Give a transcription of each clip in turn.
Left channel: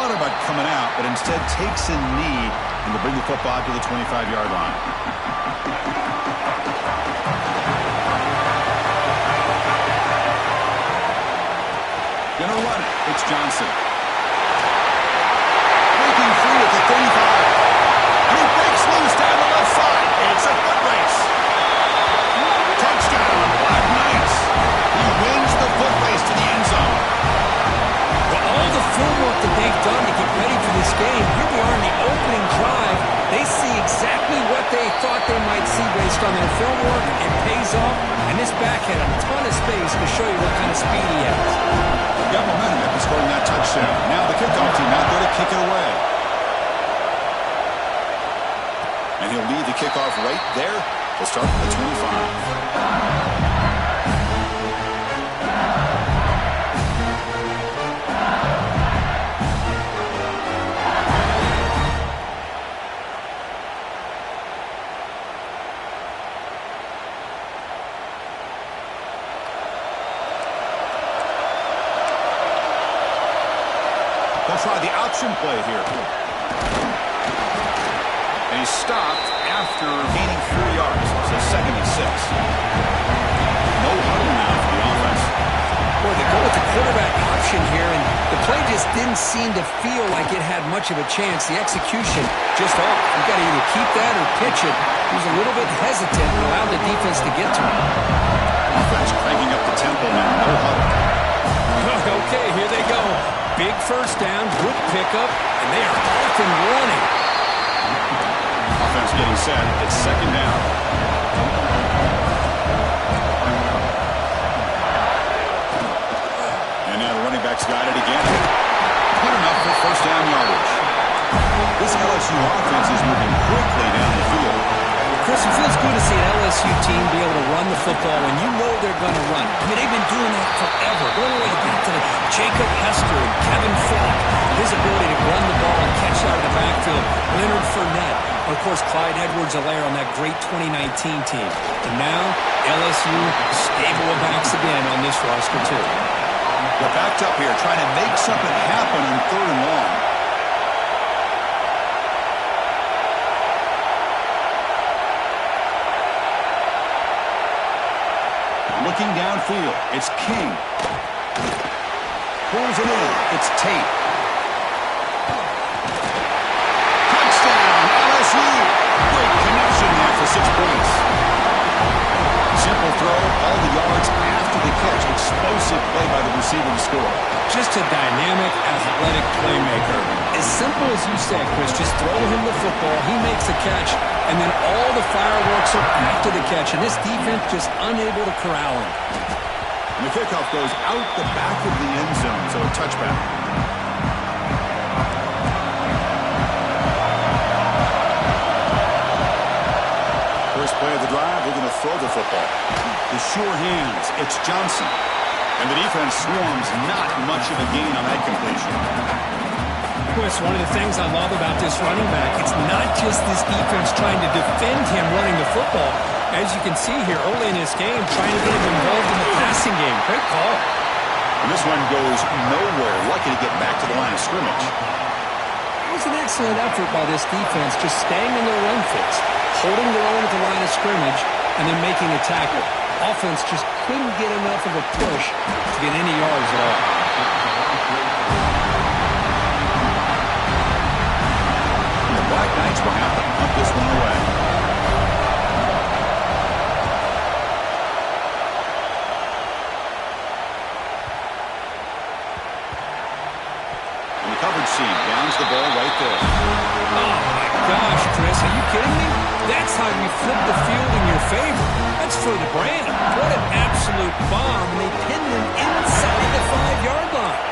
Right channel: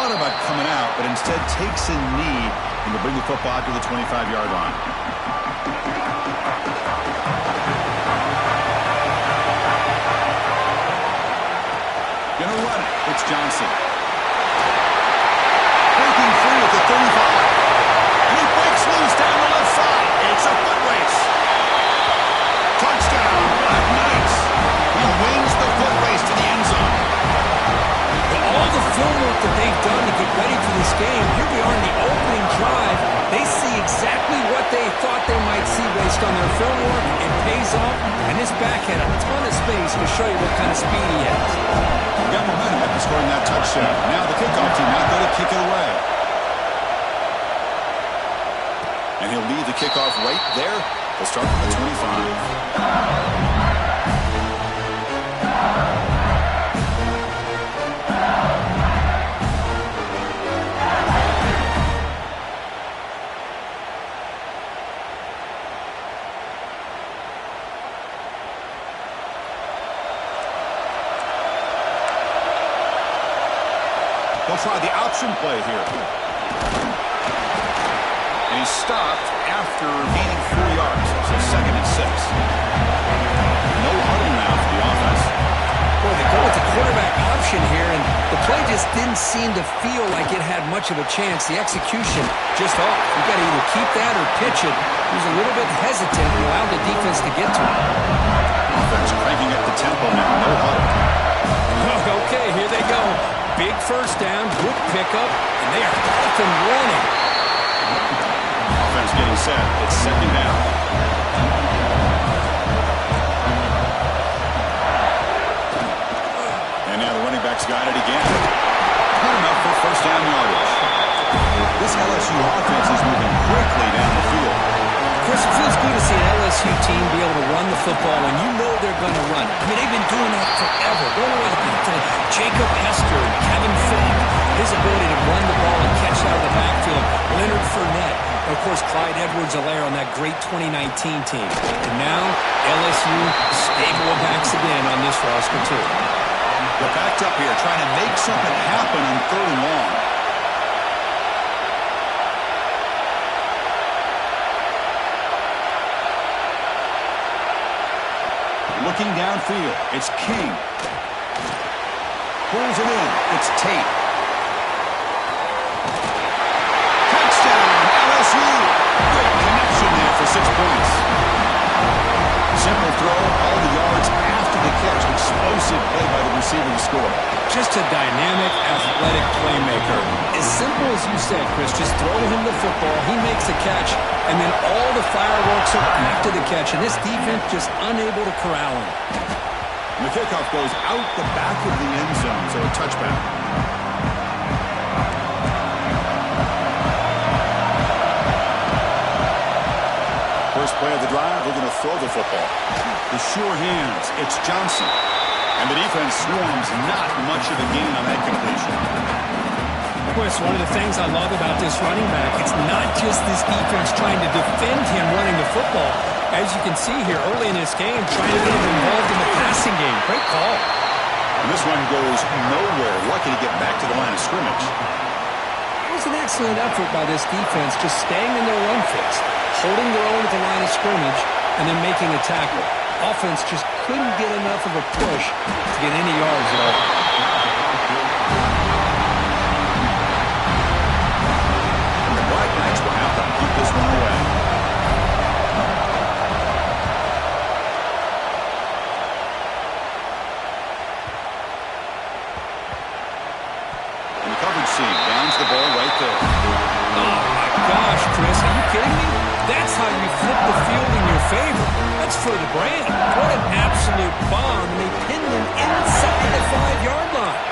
thought about coming out, but instead takes a knee and will bring the football to the 25-yard line. Gonna run it. It's Johnson. Breaking free at the 35. And he breaks loose down the left side. It's a foot race. Touchdown, Black Knights. He wins the foot race to the end zone. Well, all the film work that they've done to get ready for this game, here we are in the opening drive. They see exactly what they thought they might see based on their film work. It pays off, and this back had a ton of space to show you what kind of speed he has. Got momentum after scoring that touchdown. Now the kickoff team out there to kick it away. And he'll lead the kickoff right there. He'll start at the 25. They'll try the option play here. And he's stopped after gaining 4 yards. So 2nd and 6. No huddle now for the offense. Boy, they go with the quarterback option here, and the play just didn't seem to feel like it had much of a chance. The execution just off. You've got to either keep that or pitch it. He was a little bit hesitant and allowed the defense to get to him. Offense cranking up the tempo now. No huddle. Okay, here they go. Big first down, good pickup, and they are off and running. Offense getting set. It's 2nd down. And now the running back's got it again. Good enough for first down yardage. This LSU offense is moving quickly down the field. Chris, it feels good to see an LSU team be able to run the football when you know they're going to run. I mean, they've been doing that forever. Going all the way back to Jacob Hester and Kevin Falk. His ability to run the ball and catch out of the backfield. Leonard Fournette. And, of course, Clyde Edwards-Helaire on that great 2019 team. And now, LSU stable of backs again on this roster, too. They're backed up here trying to make something happen on 3rd and long. Looking downfield, it's King. Pulls it in, it's Tate. Touchdown, LSU! Great connection there for 6 points. Simple throw, all the yards after the catch. Explosive play by the receiver to score. Just a dynamic, athletic playmaker. As simple as you said, Chris, just throw him the football, he makes a catch, and then all the fireworks are after the catch, and this defense just unable to corral him. And the kickoff goes out the back of the end zone, so a touchback. First play of the drive, we're going to throw the football. The sure hands, it's Johnson. And the defense swarms, not much of a gain on that completion. Chris, one of the things I love about this running back, it's not just this defense trying to defend him running the football. As you can see here early in this game, trying to get him involved in the passing game. Great call. And this one goes nowhere. Lucky to get back to the line of scrimmage. It was an excellent effort by this defense, just staying in their run fix, holding their own at the line of scrimmage, and then making a tackle. Offense just couldn't get enough of a push to get any yards at all. The Black Knights will have to punt this one away. And the coverage seam downs the ball right there. Oh, my gosh, Chris, are you kidding me? That's how you flip the field in your favor. That's for the brand. What an absolute bomb, and they pin them inside the 5-yard line.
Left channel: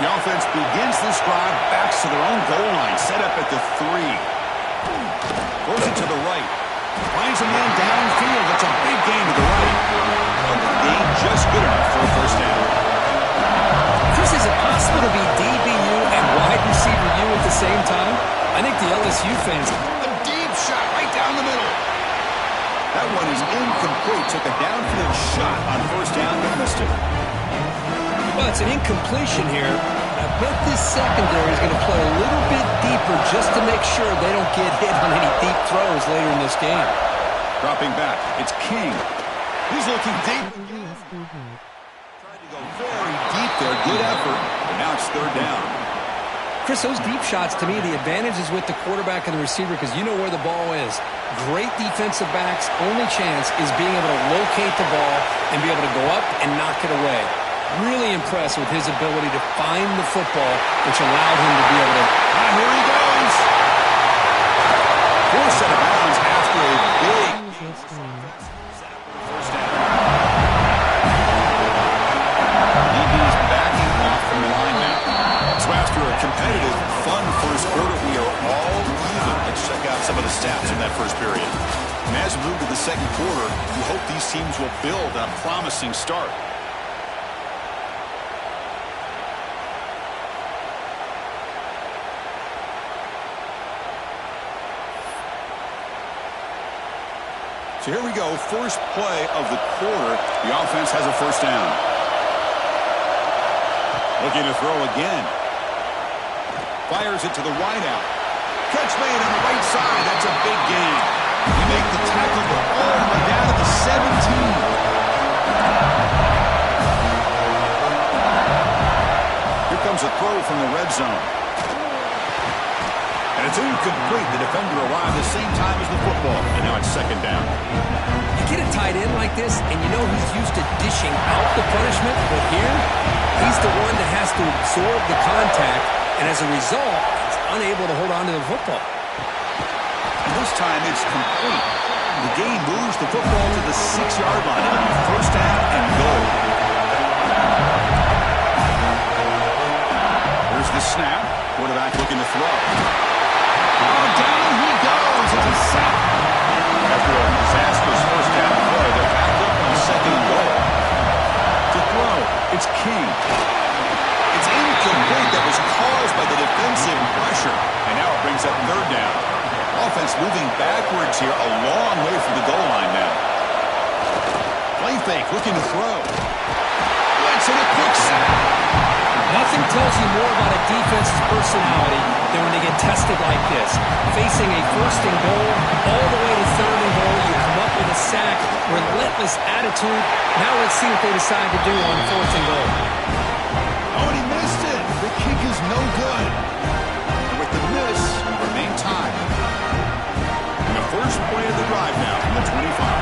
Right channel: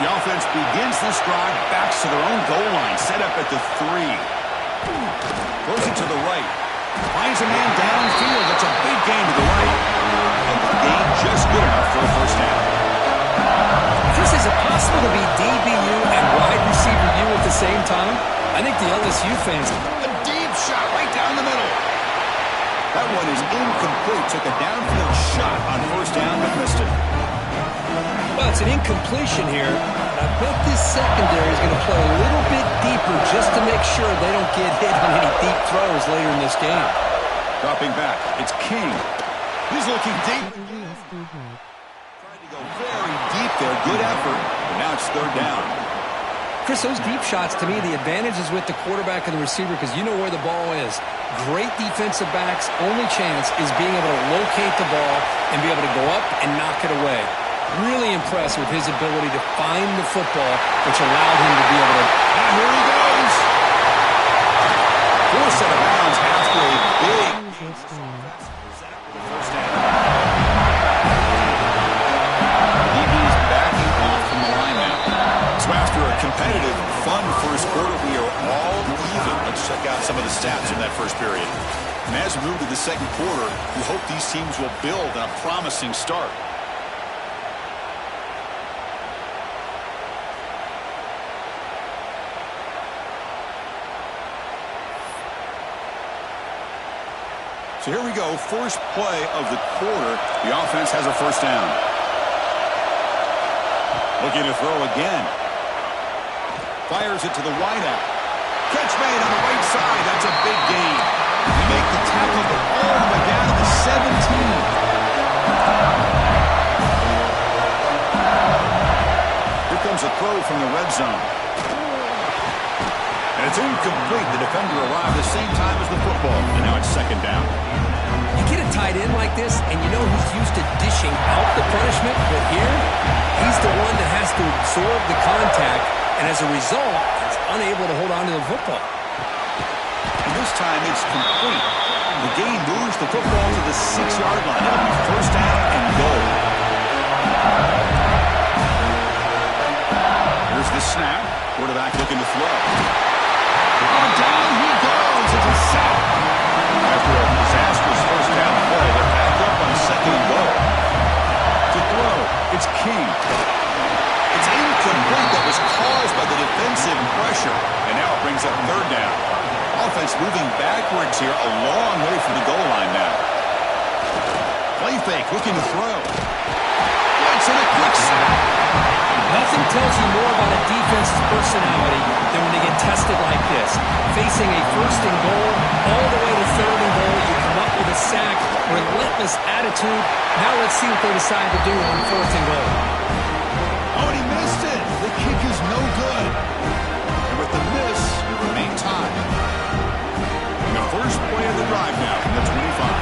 The offense begins this drive, backs to their own goal line, set up at the 3. Throws it to the right. Finds a man downfield. That's a big gain to the right. But the gain just good enough for a first down. Chris, is it possible to be DBU and wide receiver U at the same time? I think the LSU fans... A deep shot right down the middle. That one is incomplete. Took a downfield shot on first down, but missed it. Well, it's an incompletion here, But I bet this secondary is going to play a little bit deeper just to make sure they don't get hit on any deep throws later in this game. Dropping back, it's King. He's looking deep again. Tried to go very deep there. Good effort, but now it's third down. Chris, those deep shots, to me, the advantage is with the quarterback and the receiver because you know where the ball is. Great defensive backs' only chance is being able to locate the ball and be able to go up and knock it away. Really impressed with his ability to find the football, which allowed him to be able to... Here he goes! Forced out of bounds after a big set up for the first down. DB's backing off from the line now. So after a competitive, fun first quarter, we are all even. Let's check out some of the stats from that first period. And as we move to the second quarter, we hope these teams will build on a promising start. So here we go, first play of the quarter. The offense has a first down. Looking to throw again. Fires it to the wideout. Catch made on the right side. That's a big gain. They make the tackle all the way down to the 17. Here comes a throw from the red zone. And it's incomplete. The defender arrived the same time as the football. And now it's second down. You get a tight end like this, and you know he's used to dishing out the punishment, but here, he's the one that has to absorb the contact, and as a result, he's unable to hold on to the football. And this time it's complete. The game moves the football to the 6-yard line. It'll be first down and goal. Here's the snap. Quarterback looking to throw. Oh, down he goes. It's a sack. After a disastrous first down play, they're back up on second and goal. To throw, it's King. It's incomplete. That was caused by the defensive pressure. And now it brings up third down. Offense moving backwards here, a long way from the goal line now. Play fake, looking to throw. Blitz and a quick sack. Nothing tells you more about a defense's personality than when they get tested like this. Facing a first and goal, all the way to third and goal, you come up with a sack, relentless attitude. Now let's see what they decide to do on fourth and goal. Oh, and he missed it. The kick is no good. And with the miss, we remain tied. And the first play of the drive now from the 25.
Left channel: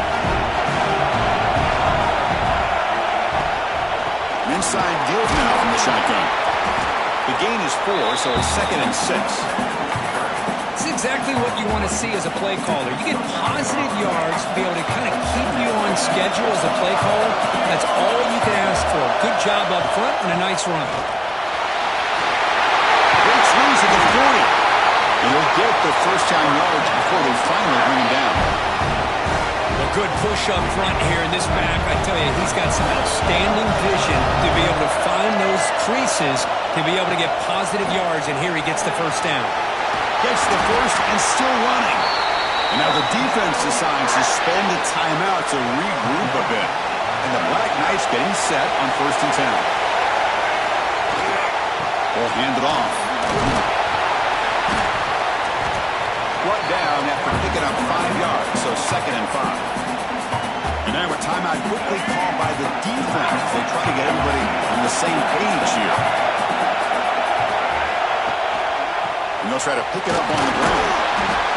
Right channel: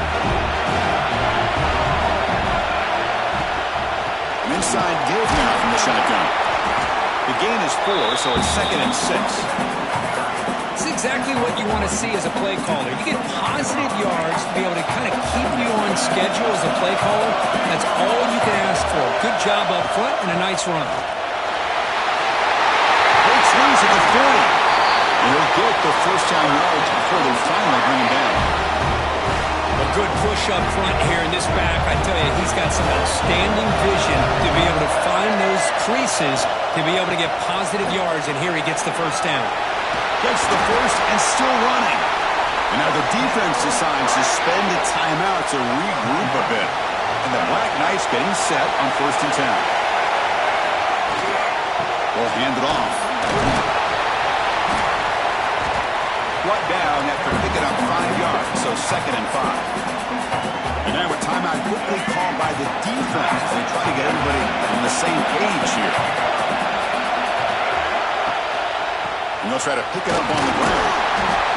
An inside give now from the shotgun. The gain is 4, so it's second and 6. It's exactly what you want to see as a play caller. You get positive yards to be able to kind of keep you on schedule as a play caller. That's all you can ask for. Good job up front and a nice run. Breaks loose at the 40. And he'll get the first down yards before they finally bring him down. A good push up front here in this back. I tell you, he's got some outstanding vision to be able to find those creases to be able to get positive yards, and here he gets the first down. Gets the first and still running. And now the defense decides to spend a timeout to regroup a bit. And the Black Knights getting set on first and 10. We'll hand it off. Brought down after picking up 5 yards, so second and 5. And now a timeout quickly called by the defense as they try to get everybody on the same page here. And they'll try to pick it up on the ground.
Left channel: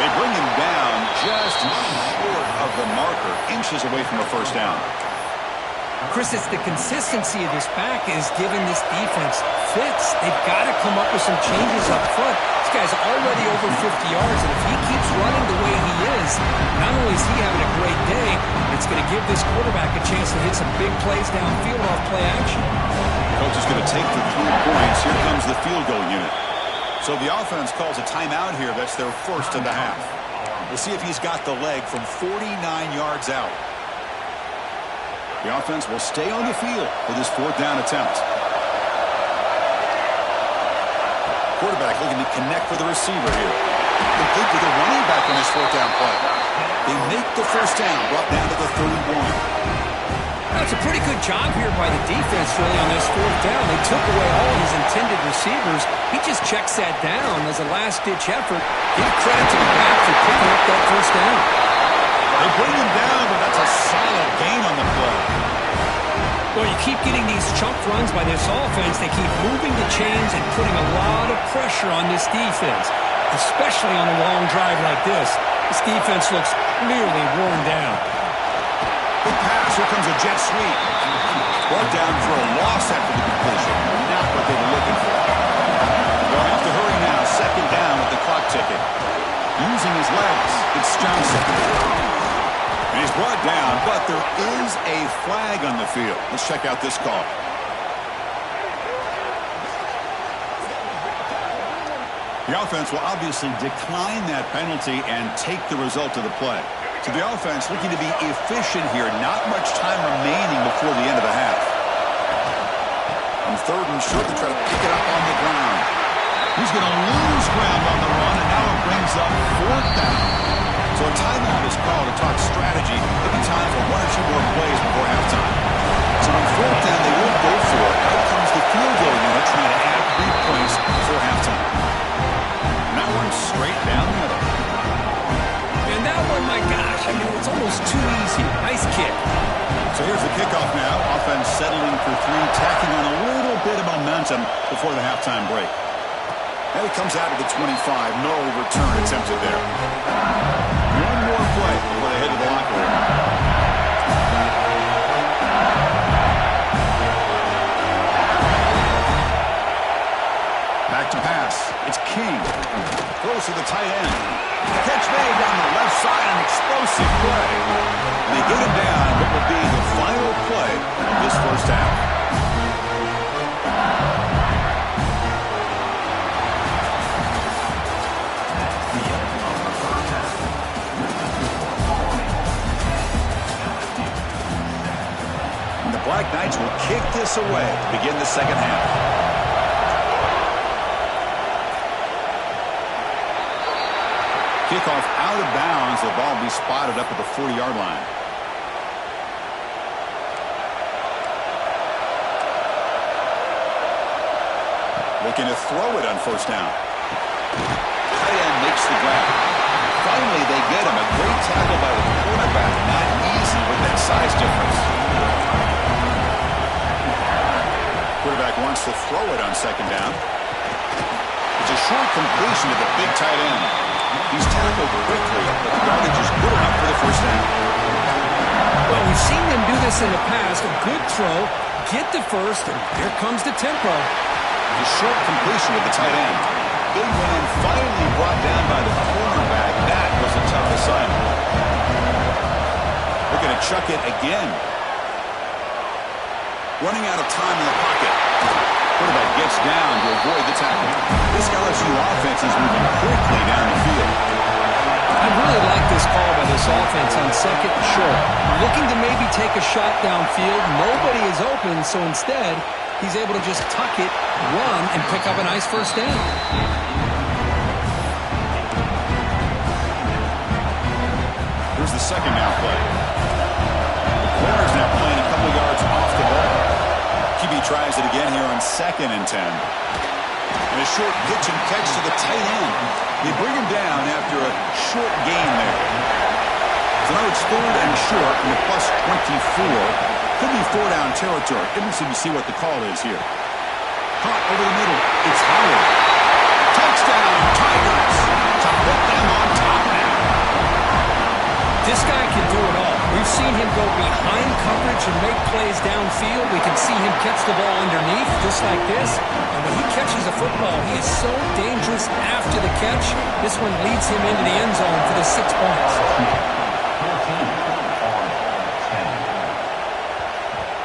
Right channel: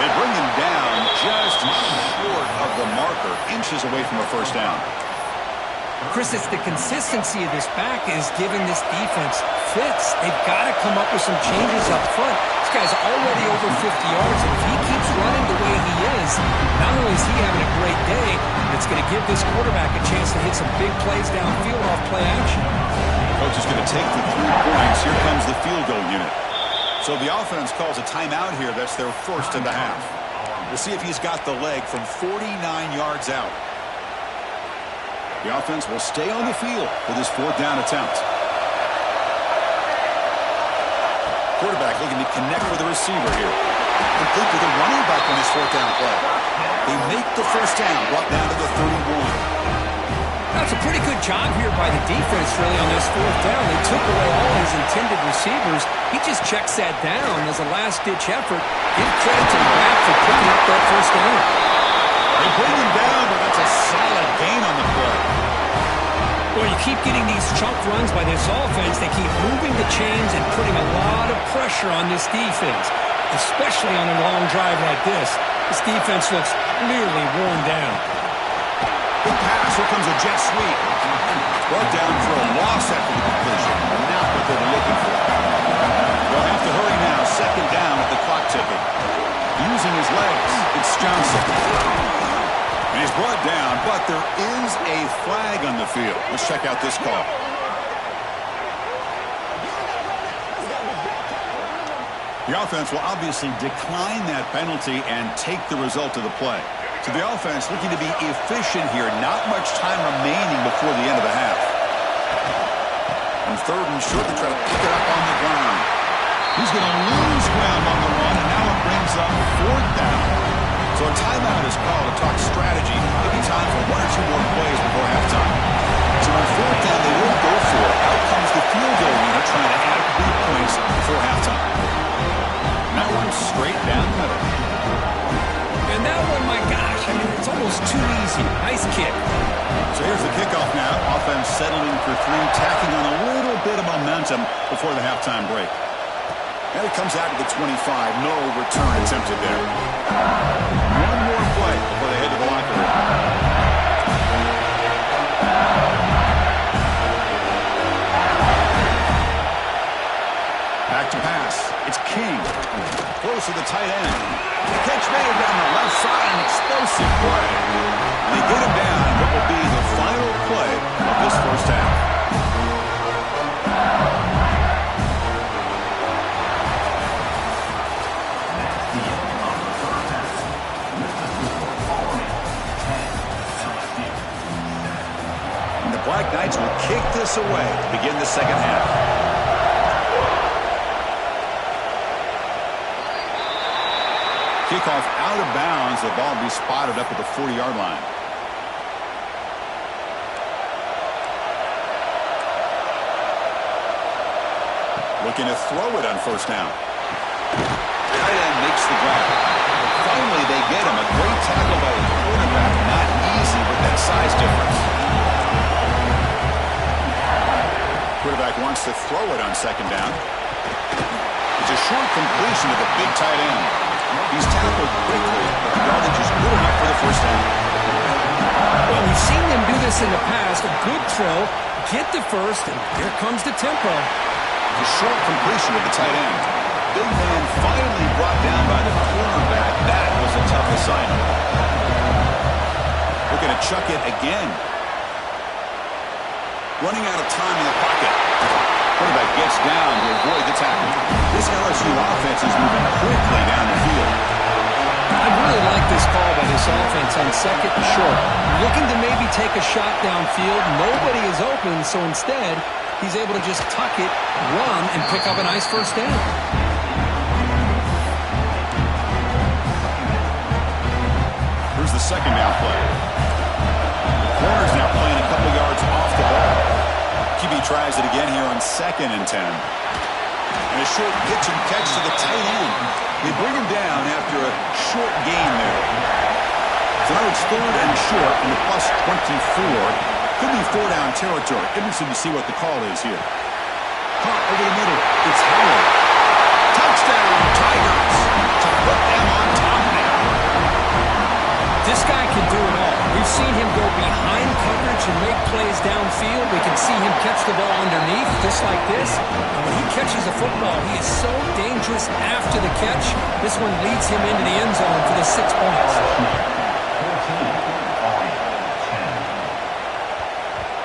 They bring him down just short of the marker, inches away from a first down. Chris, it's the consistency of this back is giving this defense fits. They've got to come up with some changes up front. This guy's already over 50 yards, and if he keeps running the way he is, not only is he having a great day, but it's going to give this quarterback a chance to hit some big plays downfield off play action. Coach is going to take the 3 points. Here comes the field goal unit. So the offense calls a timeout here. That's their first of the half. We'll see if he's got the leg from 49 yards out. The offense will stay on the field for this fourth down attempt. Quarterback looking to connect with the receiver here. Complete to the running back on this fourth down play. They make the first down, brought down to the 31. That's a pretty good job here by the defense, really, on this fourth down. They took away all his intended receivers. He just checks that down as a last-ditch effort. Give credit to the back for picking up that first down. They bring him down, but that's a solid gain on the play. Well, you keep getting these chunk runs by this offense. They keep moving the chains and putting a lot of pressure on this defense, especially on a long drive like this. This defense looks clearly worn down. Good pass. Here comes a jet sweep. Brought down for a loss after the completion. Not what they were looking for. They'll have to hurry now. Second down with the clock ticking. Using his legs, it's Johnson. And he's brought down, but there is a flag on the field. Let's check out this call. The offense will obviously decline that penalty and take the result of the play. So the offense looking to be efficient here. Not much time remaining before the end of the half. On third and short, they try to pick it up on the ground. He's going to lose ground on the run, and now it brings up fourth down. So a timeout is called to talk strategy. Maybe time for one or two more plays before halftime. So on fourth down, they will go for it. Out comes the field goal unit trying to add 3 points before halftime. And that one straight down the middle. And that one, my gosh, I mean, it's almost too easy. Nice kick. So here's the kickoff now. Offense settling for 3, tacking on a little bit of momentum before the halftime break. And it comes out to the 25. No return attempted there. One more play before they head to the locker room. Back to pass. It's King. Close to the tight end. Catch made down the left side. An explosive play. And they get him down what will be the final play of this first half. Black Knights will kick this away to begin the second half. Kickoff out of bounds. The ball will be spotted up at the 40-yard line. Looking to throw it on first down. Tight end makes the grab. Finally, they get him. A great tackle by the cornerback. Not easy with that size difference. Quarterback wants to throw it on second down. It's a short completion to the big tight end. He's tackled quickly, but the yardage is good enough for the first down. Well, we've seen them do this in the past. A good throw, get the first, and here comes the tempo. The short completion to the tight end. Big man finally brought down by the cornerback. That was a tough assignment. Looking to chuck it again. Running out of time in the pocket. Quarterback gets down to avoid the tackle. This LSU offense is moving quickly down the field. I really like this call by this offense on second and short. Looking to maybe take a shot downfield. Nobody is open, so instead, he's able to just tuck it, run, and pick up a nice first down. Here's the second down play. Corner's now playing a couple yards off the ball. QB tries it again here on 2nd and 10. And a short pitch and catch to the tight end. They bring him down after a short gain there. So now it's 3rd and short from the plus 24. Could be 4-down territory. Interesting to see what the call is here. Caught over the middle. It's Howard. Touchdown, Tigers. To put them on top now. This guy can do it all. We've seen him go behind coverage and make plays downfield. We can see him catch the ball underneath, just like this. And when he catches a football, he is so dangerous after the catch. This one leads him into the end zone for the 6 points.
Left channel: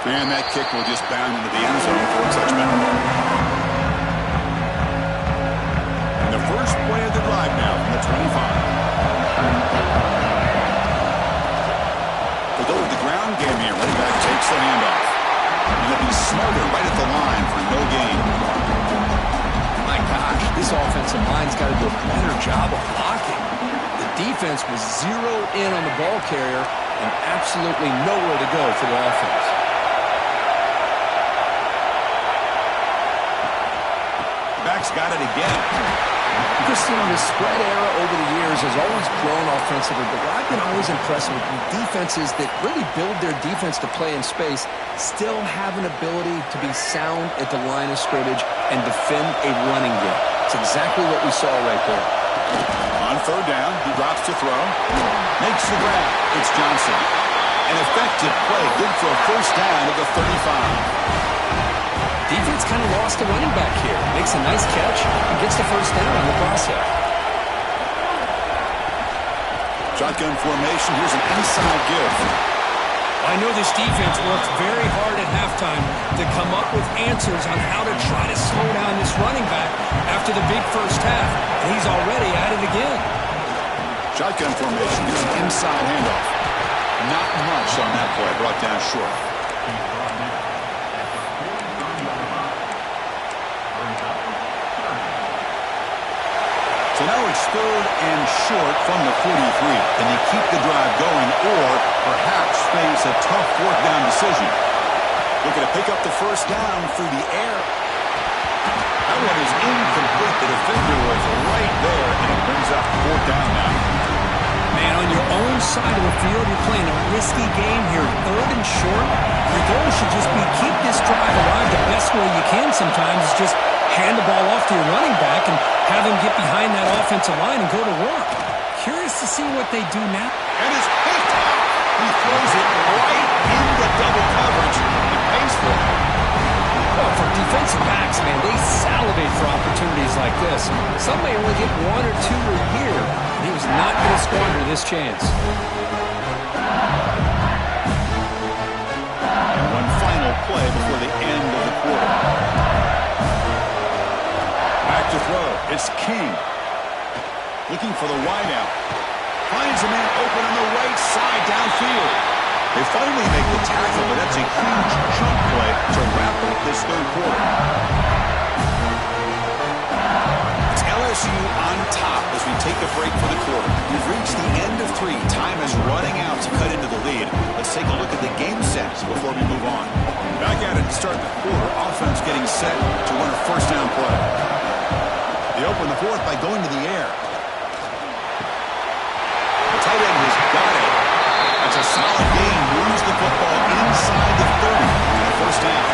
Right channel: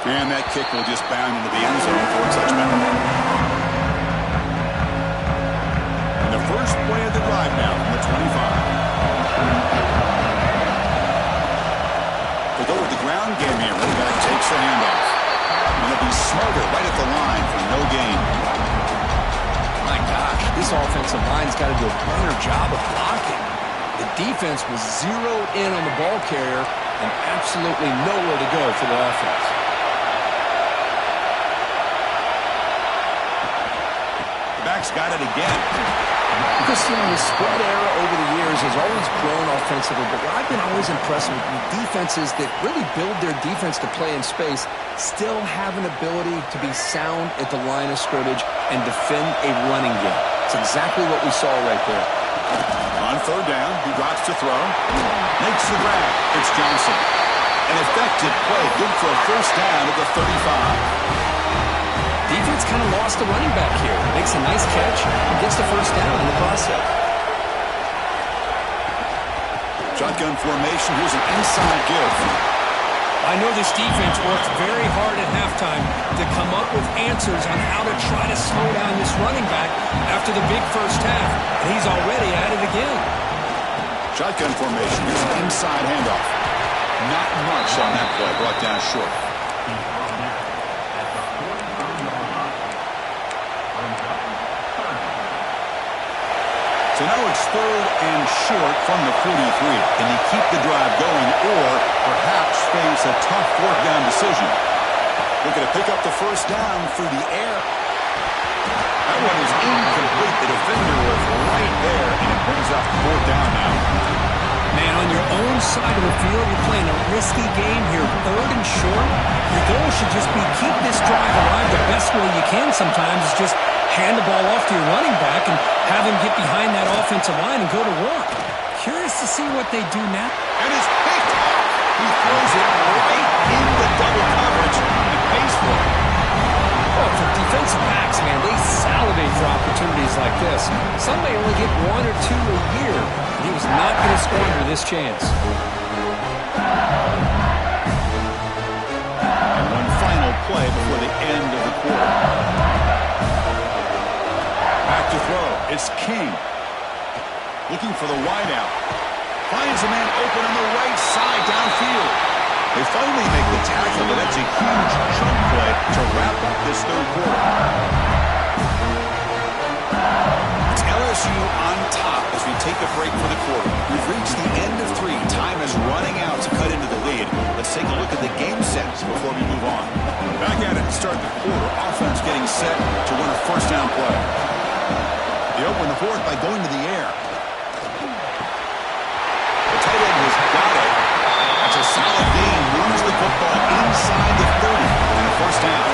And that kick will just bound into the end zone for a touchdown. And the first play of the drive now from the 25. They go with the ground game here. Running back takes the handoff. And they'll be smarter right at the line for no gain. My gosh, this offensive line's got to do a better job of blocking. The defense was zeroed in on the ball carrier, and absolutely nowhere to go for the offense. Back's got it again. Because, the spread era over the years has always grown offensively, but what I've been always impressed with defenses that really build their defense to play in space still have an ability to be sound at the line of scrimmage and defend a running game. It's exactly what we saw right there. On third down, he drops to throw. Makes the grab. It's Johnson. An effective play, good for a first down at the 35. Defense kind of lost the running back here. Makes a nice catch and gets the first down in the process. Shotgun formation. Here's an inside give. I know this defense worked very hard at halftime to come up with answers on how to try to slow down this running back after the big first half, and he's already at it again. Shotgun formation. Here's an inside handoff. Not much on that play. Brought down short. So now it's third and short from the 43. Can they keep the drive going or perhaps face a tough fourth down decision? Looking to pick up the first down through the air. That one is incomplete. The defender was right there, and it brings up fourth down now. Man, on your own side of the field, you're playing a risky game here. Third and short. Your goal should just be keep this drive alive the best way you can sometimes is just hand the ball off to your running back and have him get behind that offensive line and go to work. Curious to see what they do now. And it's picked off. He throws it right into double coverage and pays for it. Well, for defensive backs, man, they salivate for opportunities like this. Some may only get one or two a year. And he was not going to squander this chance. And one final play before the end of the quarter. Back to throw. It's King. Looking for the wideout. Finds a man open on the right side downfield. They finally make the tackle, but that's a huge chunk play to wrap up this third quarter. It's LSU on top as we take a break for the quarter. We've reached the end of three. Time is running out to cut into the lead. Let's take a look at the game sets before we move on. Back at it to start the quarter. Offense getting set to run a first down play. They open the fourth by going to the air. The tight end has got it. That's a solid gain. Moves the football inside the 30 and a first down.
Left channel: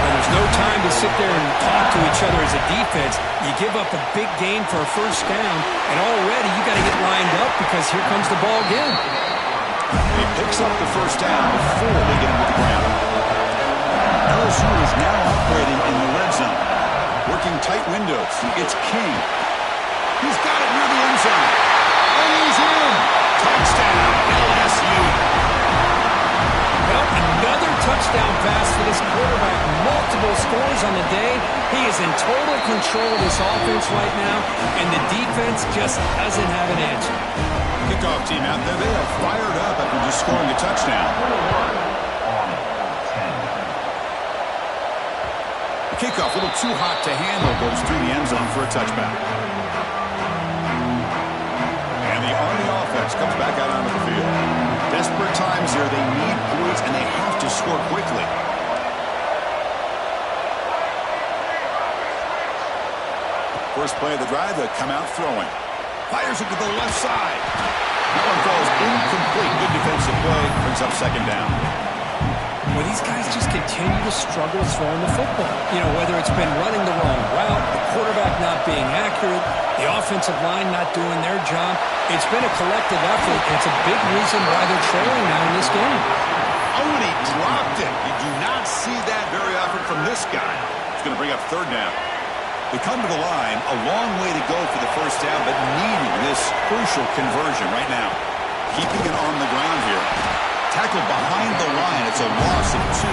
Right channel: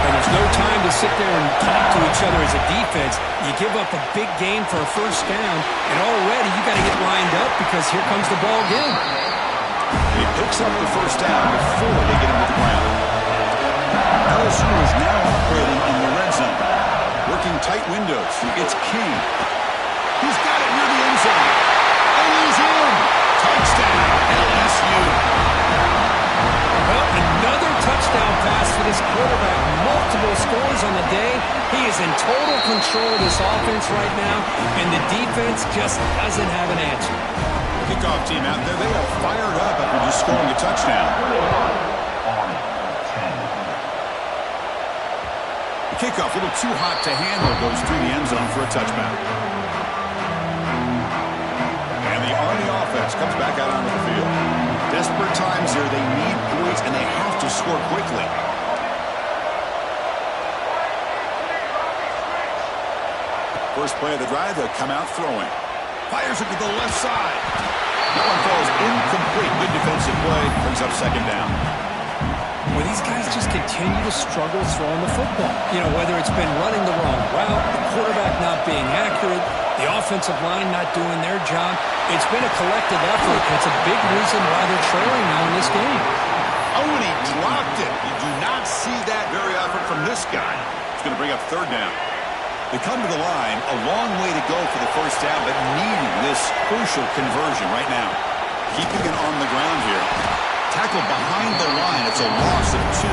And there's no time to sit there and talk to each other as a defense. You give up a big gain for a first down, and already you got to get lined up because here comes the ball again. He picks up the first down before they get him to the ground. LSU is now operating in the red zone. Working tight windows. It's King. He's got it near the end zone. And he's in. Touchdown, LSU. Well, another touchdown pass for this quarterback. Multiple scores on the day. He is in total control of this offense right now, and the defense just doesn't have an answer. Kickoff team out there. They are fired up after just scoring a touchdown. The kickoff, a little too hot to handle, goes through the end zone for a touchback. And the Army offense comes back out onto the field. Desperate times here. They need points, and they have to score quickly. First play of the drive, they'll come out throwing. Fires it to the left side. That one falls incomplete. Good defensive play. Brings up second down. Well, these guys just continue to struggle throwing the football. Whether it's been running the wrong route, the quarterback not being accurate, the offensive line not doing their job. It's been a collective effort, and it's a big reason why they're trailing now in this game. Oh, and he dropped it. You do not see that very often from this guy. It's going to bring up third down. They come to the line, a long way to go for the first down, but needing this crucial conversion right now. Keeping it on the ground here. Tackle behind the line. It's a loss of 2.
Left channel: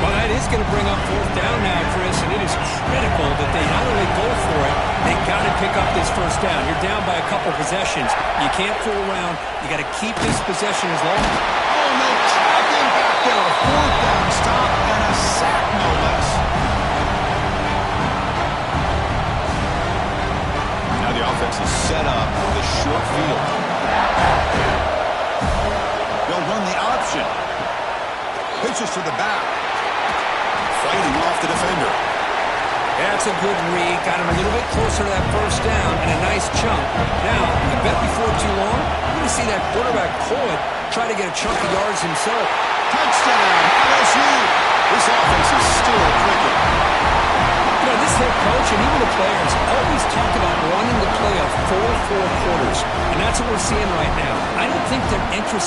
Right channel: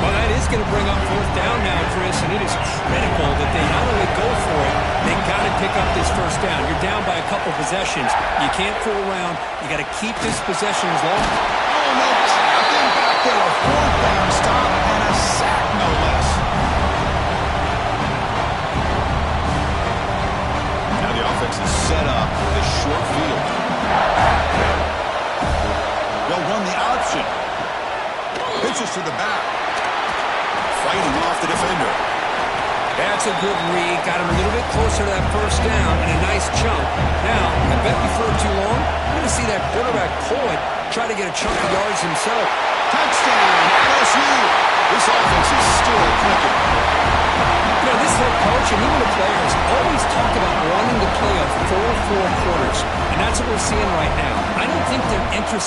Well, that is going to bring up fourth down now, Chris, and it is critical that they not only go for it, they got to pick up this first down. You're down by a couple possessions. You can't fool around. You got to keep this possession as long. Oh, no, trapped him back there. A fourth down stop and a sack, no less. Now the offense is set up with a short field. They'll run the option. Pitches to the back. Fighting off the defender. That's a good read. Got him a little bit closer to that first down and a nice chunk. Now, I bet before too long, we're going to see that quarterback pull it, try to get a chunk of yards himself. Touchdown, LSU. This offense is still clicking. You know, this head coach and even the players always talk about wanting to play a full 4 quarters, and that's what we're seeing right now. I don't think they're interested